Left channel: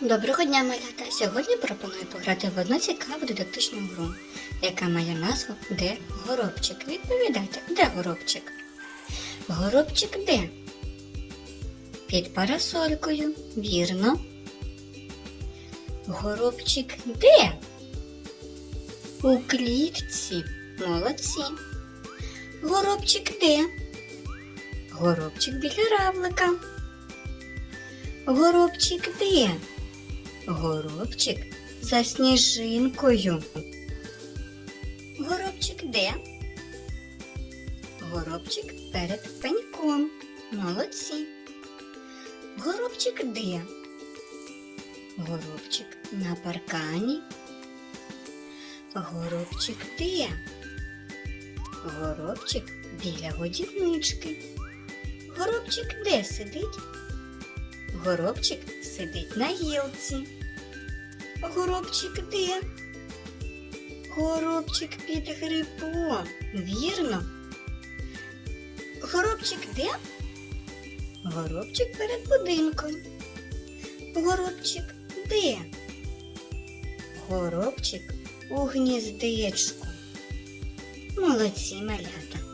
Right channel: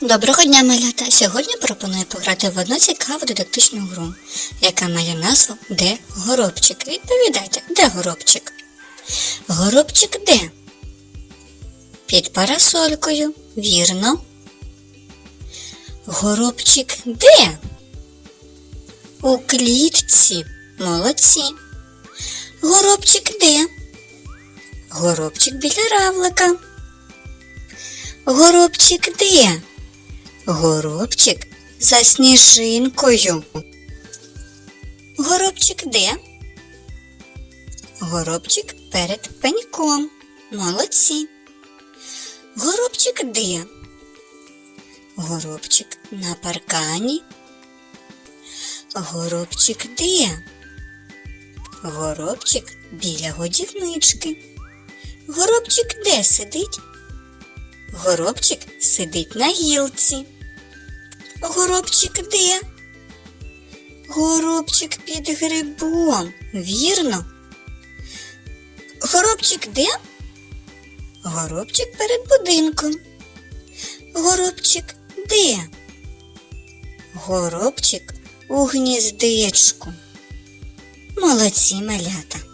Доброго дня, малята! Сьогодні пропоную пограти в одну цікаву дидактичну гру, яка має назву Де горобчик? Відповідайте, де горобчик? Горобчик де? Під парасолькою, вірно. Горобчик де? У клітці. Молодці. Горобчик де? Горобчик біля равлика. Горобчик де? Горобчик за сніжинкою. Горобчик де? Горобчик перед пеньком. Молодці. Горобчик де? Горобчик на паркані. Горобчик де? Горобчик біля годівнички. Горобчик де сидить? Горобчик сидить на гілці. Горобчик де? Горобчик під грибом, вірно? Горобчик де? Горобчик перед будинком. Горобчик де? Горобчик у гніздечку. Молодці малята.